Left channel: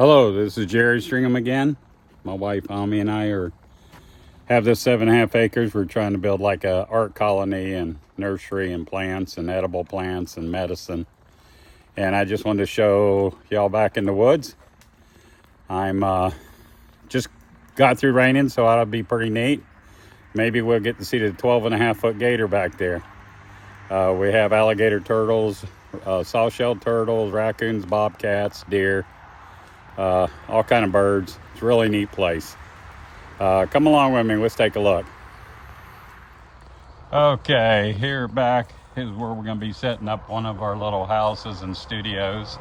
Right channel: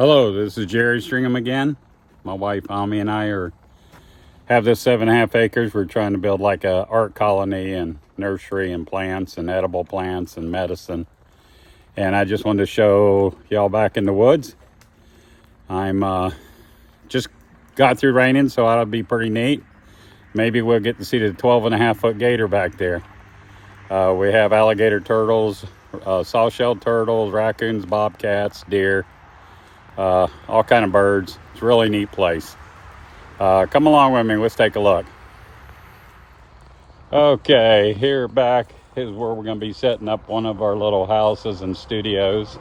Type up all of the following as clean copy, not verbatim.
Hello, this is Jerry Stringham again. My wife Ami and I have this 7.5 acres. We're trying to build like a art colony and nursery and plants and edible plants and medicine. And I just wanted to show y'all back in the woods. I'm just got through raining, so that'll be pretty neat. Maybe we'll get to see the 12.5-foot gator back there. We have alligator turtles, soft-shelled turtles, raccoons, bobcats, deer. All kind of birds. It's a really neat place. Come along with me, let's take a look. Okay, here back is where we're going to be setting up one of our little houses and studios.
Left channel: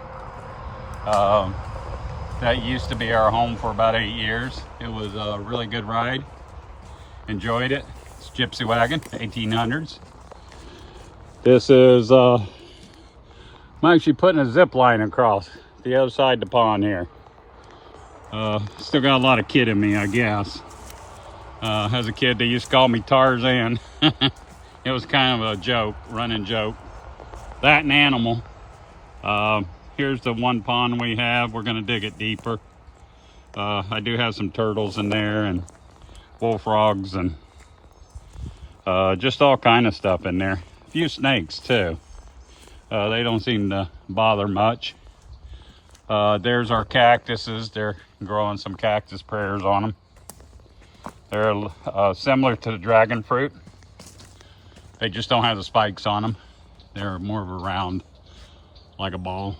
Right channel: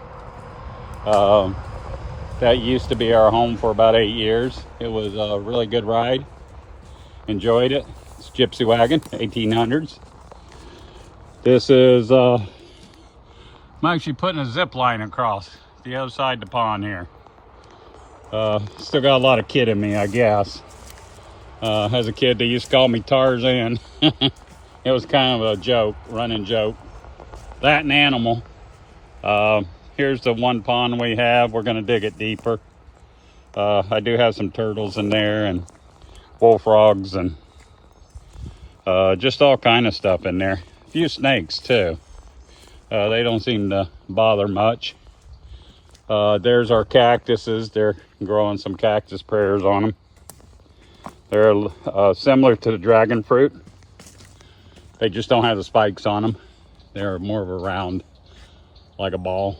That used to be our home for about 8 years. It was a really good ride. Enjoyed it. It's Gypsy Wagon, 1800s. This is, I'm actually putting a zip line across the other side of the pond here. Still got a lot of kid in me, I guess. As a kid, they used to call me Tarzan. It was kind of a joke, running joke. That and animal. Here's the one pond we have. We're gonna dig it deeper. I do have some turtles in there and bullfrogs and just all kind of stuff in there. A few snakes too. They don't seem to bother much. There's our cactuses. They're growing some cactus prayers on them. They're similar to the dragon fruit. They just don't have the spikes on them. They're more of a round, like a ball.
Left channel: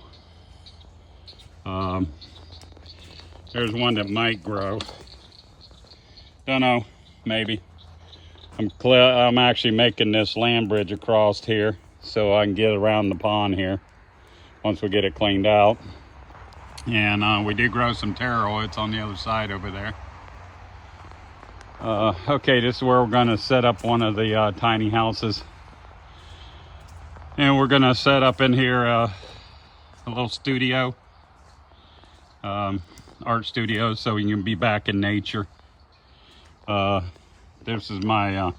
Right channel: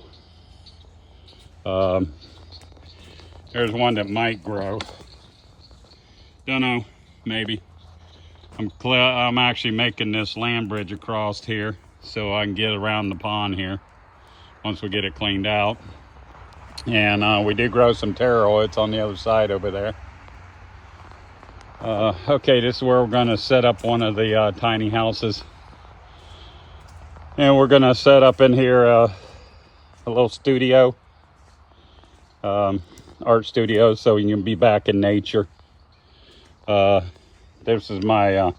There's one that might grow. Don't know, maybe. I'm actually making this land bridge across here so I can get around the pond here once we get it cleaned out. And we do grow some taro. It's on the other side over there. Okay, this is where we're going to set up one of the tiny houses. And we're going to set up in here a little studio. Art studio, so you can be back in nature. This is my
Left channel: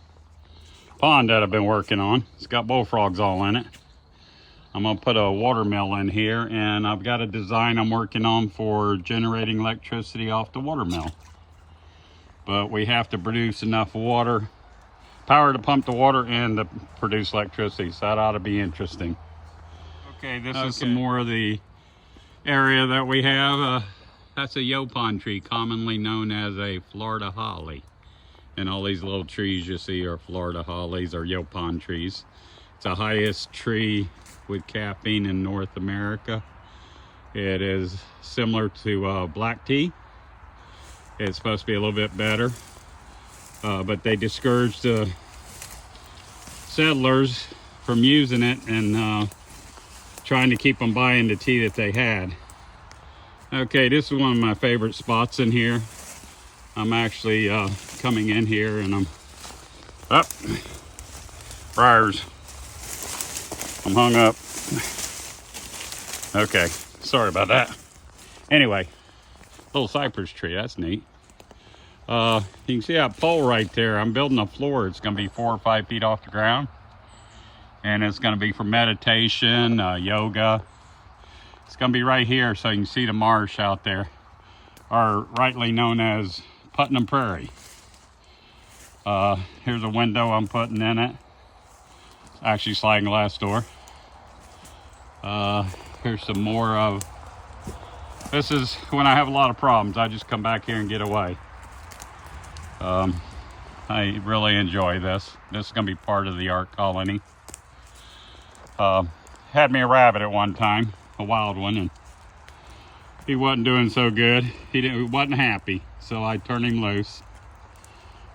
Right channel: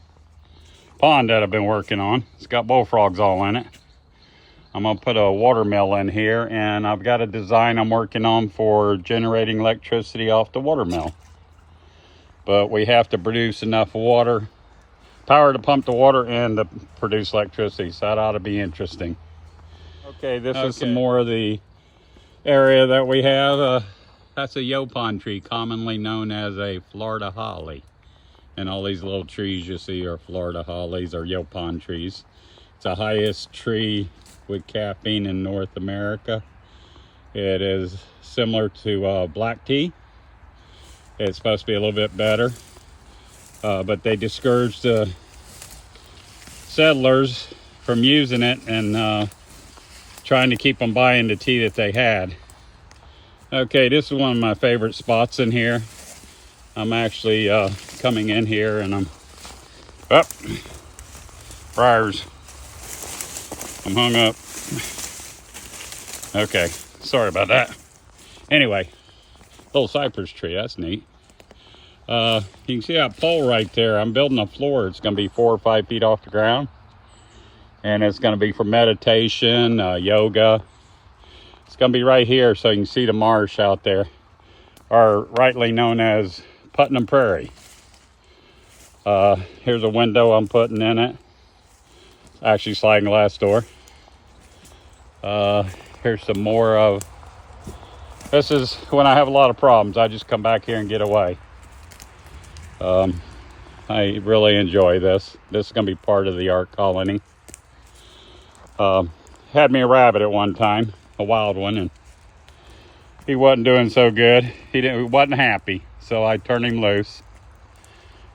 pond that I've been working on. It's got bullfrogs all in it. I'm gonna put a water mill in here, and I've got a design I'm working on for generating electricity off the water mill. But we have to produce enough water, power to pump the water and to produce electricity, so that ought to be interesting. Okay, this is some more of the area that we have. That's a yopon tree, commonly known as a Florida holly. And all these little trees you see are Florida hollies or yopon trees. It's the highest tree with capping in North America. It is similar to black tea. It's supposed to be a little bit better, but they discouraged the settlers from using it and trying to keep them buying the tea that they had. Okay, this is one of my favorite spots in here. I'm actually coming in here and briars. I'm hung up. Okay, sorry about that. Anyway, little cypress tree, that's neat. You can see that pole right there. I'm building a floor. It's gonna be 4 or 5 feet off the ground. And it's gonna be for meditation, yoga. It's gonna be right here so you can see the marsh out there, or rightly known as Putnam Prairie. Here's a window I'm putting in it. Actually sliding glass door. Here's some more of, this is when I have a lot of problems, I just come back here and get away. I really enjoy this. This is gonna be part of the art colony. Had me a rabbit at one time, a wild one, and he wasn't doing so good. He wasn't happy, so I turned him loose.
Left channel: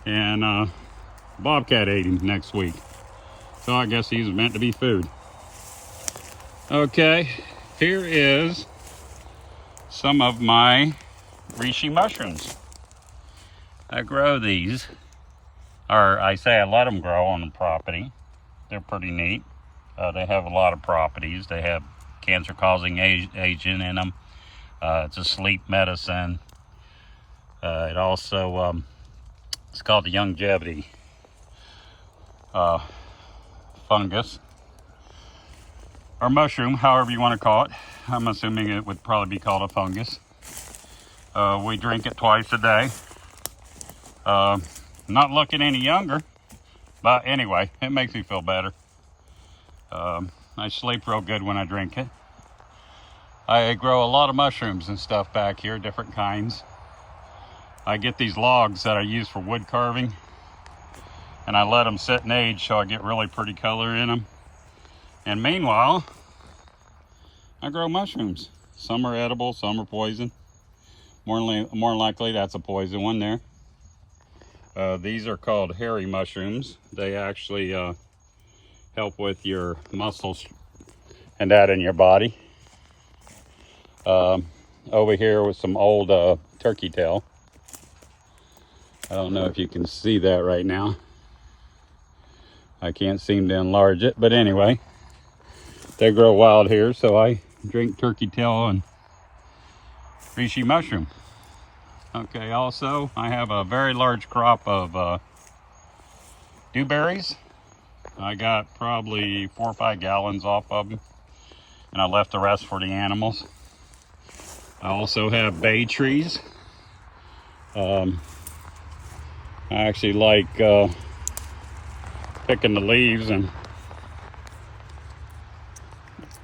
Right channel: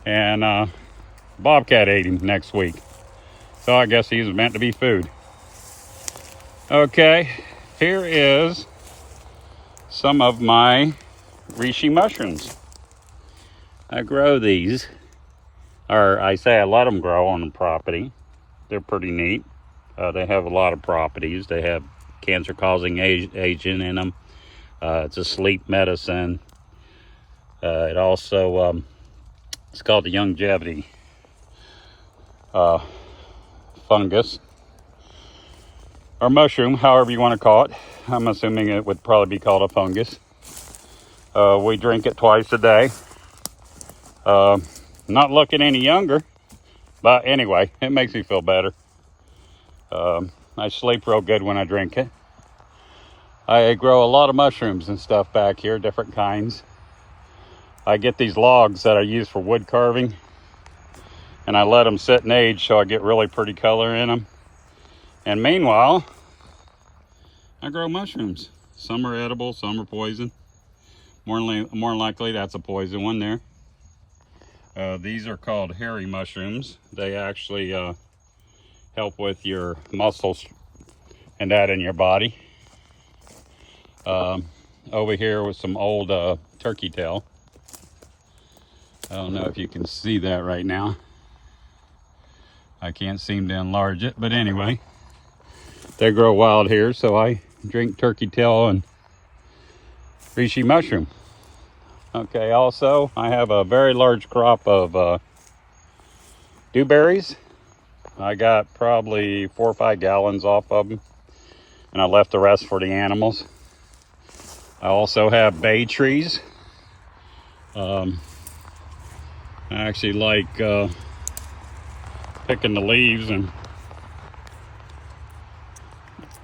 And bobcat ate him next week. So I guess he's meant to be food. Okay, here is some of my reishi mushrooms. I grow these, or I say I let them grow on the property. They're pretty neat. They have a lot of properties. They have cancer-causing agent in them. It's a sleep medicine. It also, it's called the longevity fungus. or mushroom, however you want to call it. I'm assuming it would probably be called a fungus. We drink it twice a day. Not looking any younger, but anyway, it makes me feel better. I sleep real good when I drink it. I grow a lot of mushrooms and stuff back here, different kinds. I get these logs that I use for wood carving, and I let them sit and age so I get really pretty color in them. And meanwhile, I grow mushrooms. Some are edible, some are poison. More likely that's a poison one there. These are called hairy mushrooms. They actually help with your muscles and that in your body. Over here with some old turkey tail. I don't know if you can see that right now. I can't seem to enlarge it, but anyway, they grow wild here, so I drink turkey tail and reishi mushroom. Okay, also I have a very large crop of dewberries. I got probably 4 or 5 gallons off of them, and I left the rest for the animals. I also have bay trees. I actually like picking the leaves, and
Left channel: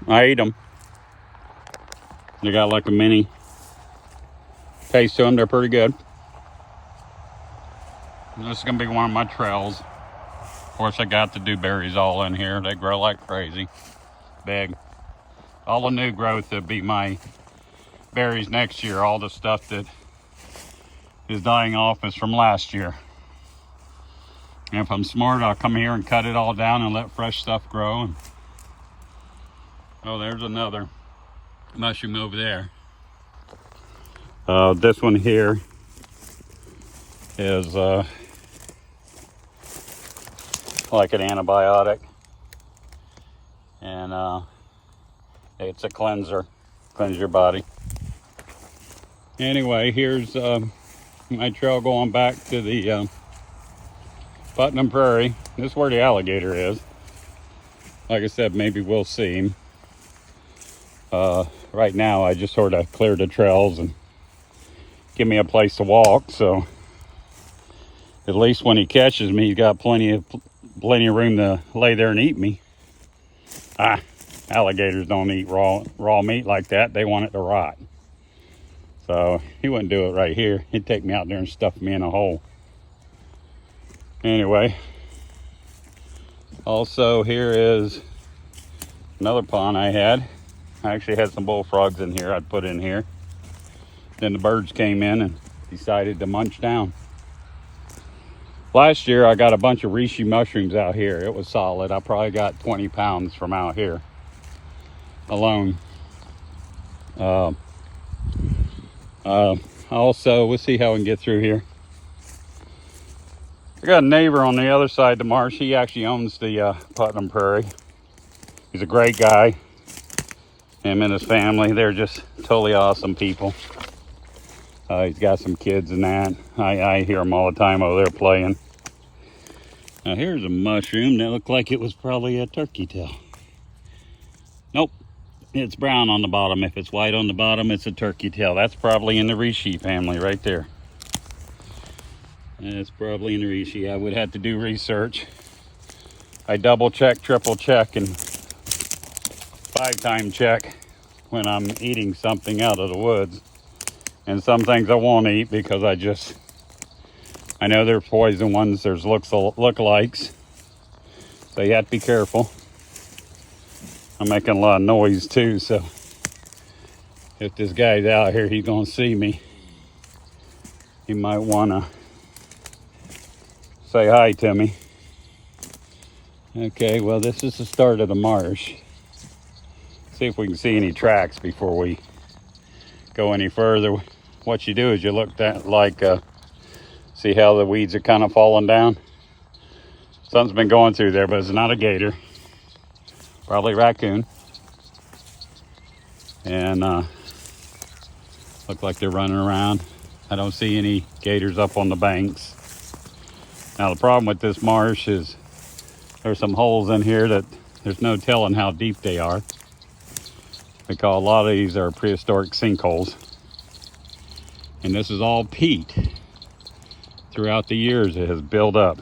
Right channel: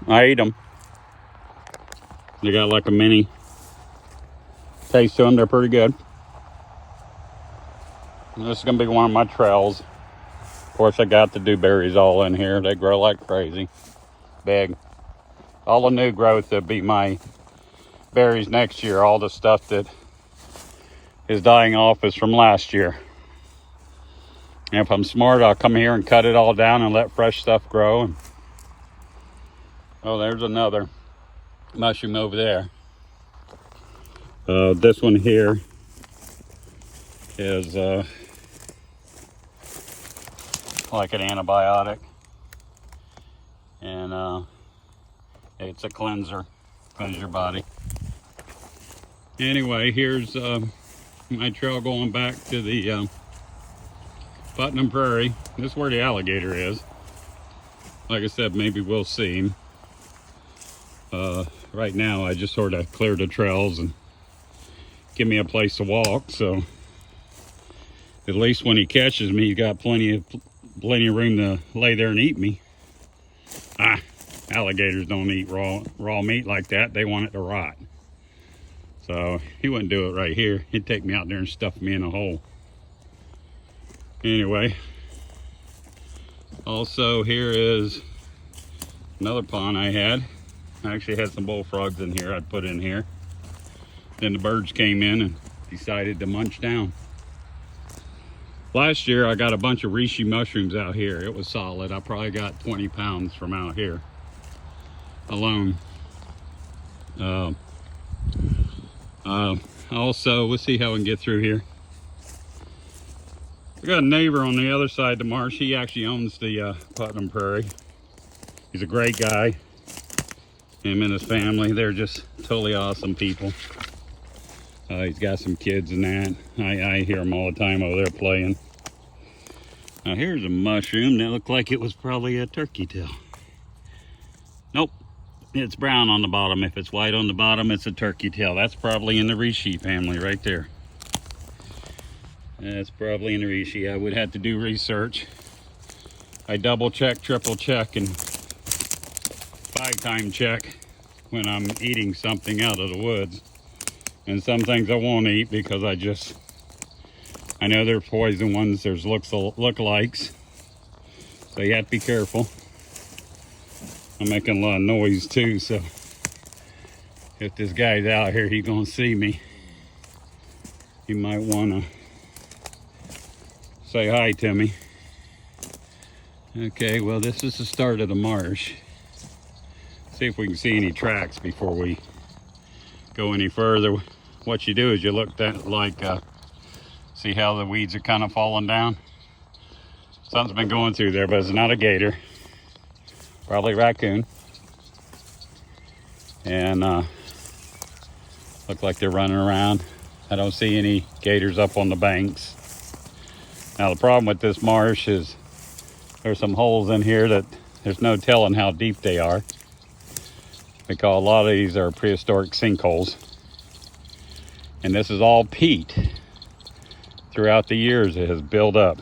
I eat them. They got like a mini taste to them. They're pretty good. And this is gonna be one of my trails. Of course, I got the dewberries all in here. They grow like crazy, big. All the new growth that be my berries next year. All the stuff that is dying off is from last year. And if I'm smart, I'll come here and cut it all down and let fresh stuff grow. And, oh, there's another mushroom over there. This one here is like an antibiotic, and it's a cleanser, cleanse your body. Anyway, here's my trail going back to the Putnam Prairie. This is where the alligator is. Like I said, maybe we'll see him. Right now, I just sort of cleared the trails and give me a place to walk, so at least when he catches me, he's got plenty of room to lay there and eat me. Alligators don't eat raw meat like that. They want it to rot. So he wouldn't do it right here. He'd take me out there and stuff me in a hole. Anyway, also here is another pond I had. I actually had some bullfrogs in here I'd put in here. Then the birds came in and decided to munch down. Last year I got a bunch of reishi mushrooms out here. It was solid. I probably got 20 pounds from out here alone. Also, we'll see how we can get through here. I got a neighbor on the other side of the marsh. He actually owns the Putnam Prairie. He's a great guy. Him and his family, they're just totally awesome people. He's got some kids and that. I hear them all the time over there playing. Now here's a mushroom that looked like it was probably a turkey tail. Nope, it's brown on the bottom. If it's white on the bottom, it's a turkey tail. That's probably in the reishi family right there. That's probably in the reishi. I would have to do research. I double check, triple check, and 5-time check when I'm eating something out of the woods. And some things I won't eat because I know they're poison ones. There's lookalikes. So you have to be careful. I'm making a lot of noise too, so if this guy's out here, he's gonna see me. He might wanna say hi to me. Okay, well, this is the start of the marsh. See if we can see any tracks before we go any further. What you do is you look at see how the weeds are kind of falling down. Something's been going through there, but it's not a gator. Probably raccoon. And look like they're running around. I don't see any gators up on the banks. Now the problem with this marsh is there's some holes in here that there's no telling how deep they are, because a lot of these are prehistoric sinkholes. And this is all peat. Throughout the years it has built up.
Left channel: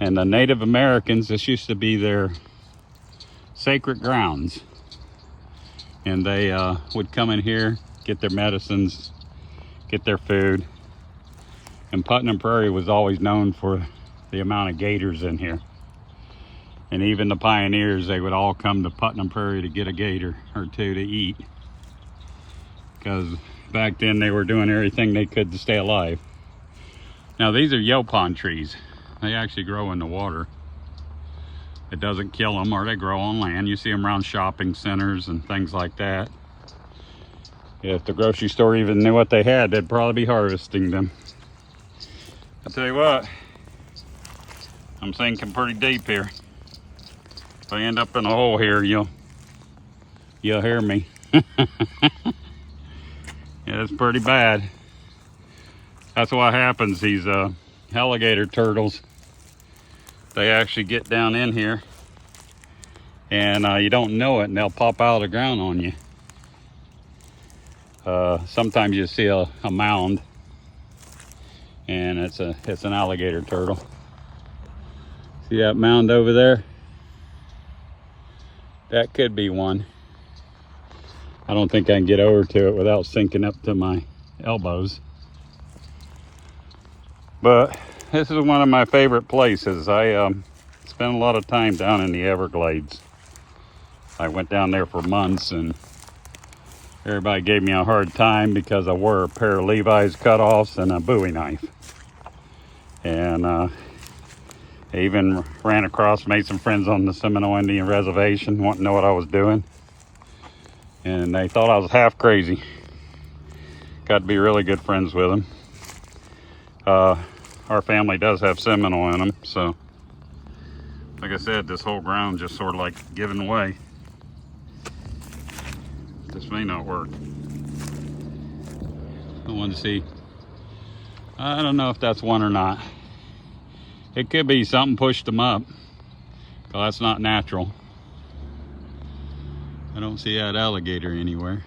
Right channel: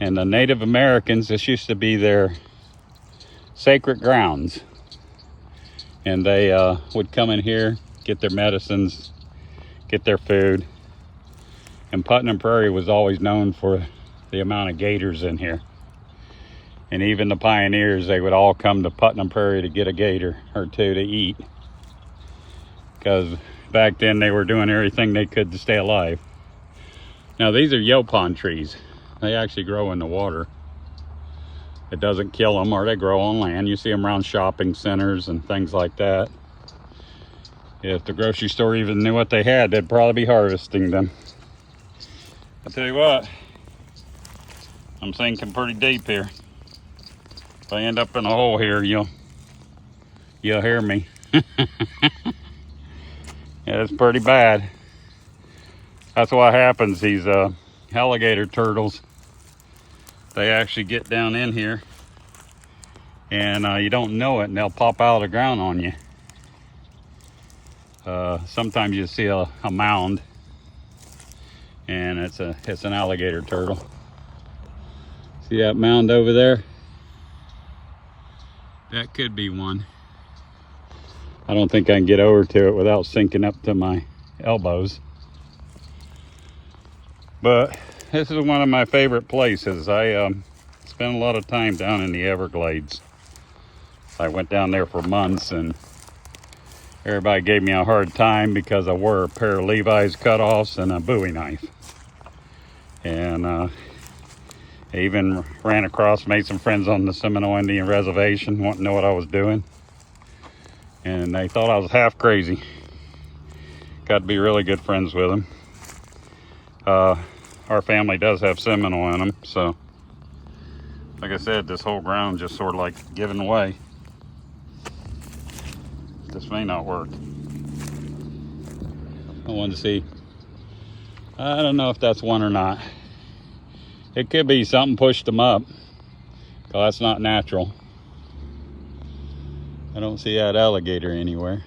And the Native Americans, this used to be their sacred grounds. And they would come in here, get their medicines, get their food. And Putnam Prairie was always known for the amount of gators in here. And even the pioneers, they would all come to Putnam Prairie to get a gator or two to eat. Because back then they were doing everything they could to stay alive. Now these are yaupon trees. They actually grow in the water. It doesn't kill them, or they grow on land. You see them around shopping centers and things like that. If the grocery store even knew what they had, they'd probably be harvesting them. I tell you what, I'm sinking pretty deep here. If I end up in a hole here, you'll hear me. Yeah, it's pretty bad. That's what happens. These alligator turtles, they actually get down in here, and you don't know it, and they'll pop out of the ground on you. Sometimes you see a mound, and it's an alligator turtle. See that mound over there? That could be one. I don't think I can get over to it without sinking up to my elbows. But this is one of my favorite places. I spent a lot of time down in the Everglades. I went down there for months, and everybody gave me a hard time because I wore a pair of Levi's cutoffs and a Bowie knife. And I even ran across, made some friends on the Seminole Indian Reservation, wanting to know what I was doing. And they thought I was half crazy. Got to be really good friends with them. Our family does have Seminole in them, so like I said, this whole ground just sort of like giving away. This may not work. I wanted to see. I don't know if that's one or not. It could be something pushed them up, but that's not natural. I don't see that alligator anywhere.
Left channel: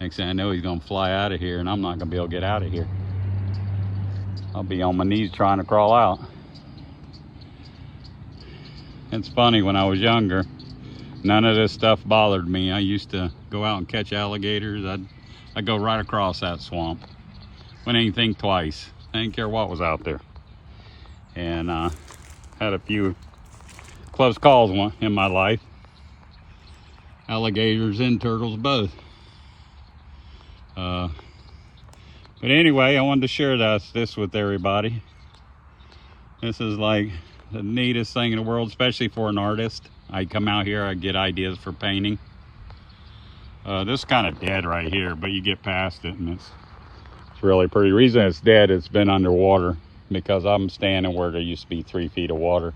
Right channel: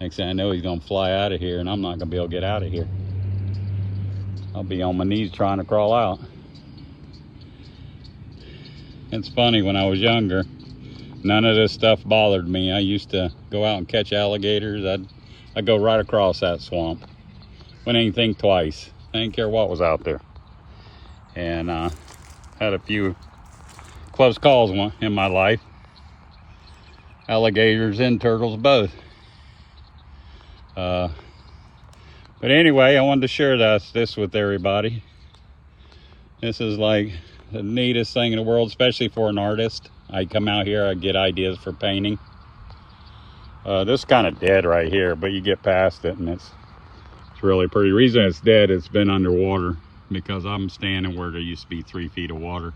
Next thing I know, he's gonna fly out of here, and I'm not gonna be able to get out of here. I'll be on my knees trying to crawl out. It's funny, when I was younger, none of this stuff bothered me. I used to go out and catch alligators. I'd go right across that swamp. Wouldn't even think twice. I didn't care what was out there. And had a few close calls in my life. Alligators and turtles both. But anyway, I wanted to share this with everybody. This is like the neatest thing in the world, especially for an artist. I come out here, I get ideas for painting. This is kind of dead right here, but you get past it and it's really pretty. The reason it's dead, it's been underwater because I'm standing where there used to be 3 feet of water.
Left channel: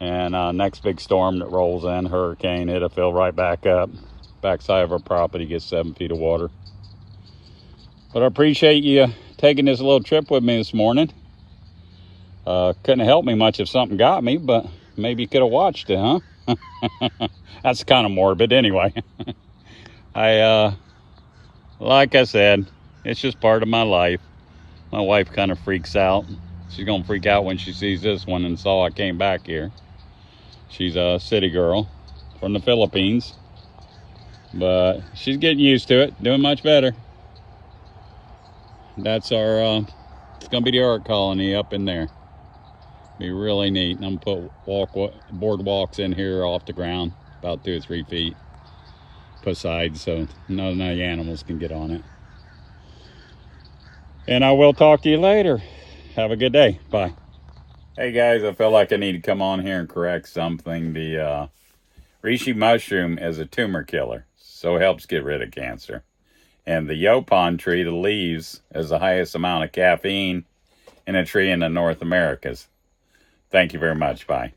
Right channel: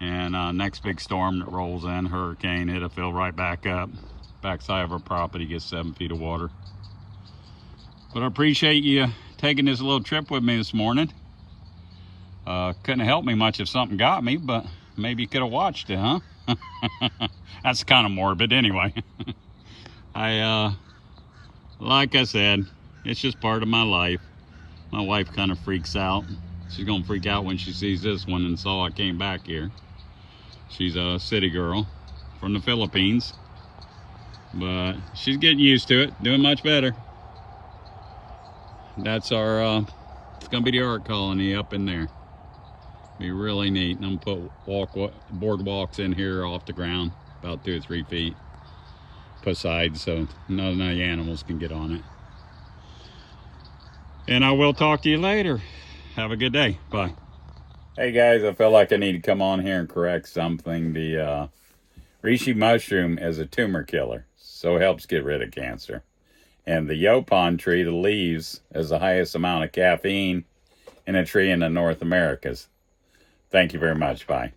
And next big storm that rolls in, hurricane, it'll fill right back up. Backside of our property gets 7 feet of water. But I appreciate you taking this little trip with me this morning. Couldn't have helped me much if something got me, but maybe you could have watched it, huh? That's kind of morbid anyway. Like I said, it's just part of my life. My wife kind of freaks out. She's gonna freak out when she sees this one and saw I came back here. She's a city girl from the Philippines, but she's getting used to it, doing much better. That's our, it's gonna be the art colony up in there. Be really neat. And I'm gonna put boardwalks in here off the ground, about 2 or 3 feet. Put sides so none of the animals can get on it. And I will talk to you later. Have a good day. Bye. Hey guys, I felt like I need to come on here and correct something. The reishi mushroom is a tumor killer, so it helps get rid of cancer. And the yaupon tree, the leaves, is the highest amount of caffeine in a tree in the North Americas. Thank you very much. Bye.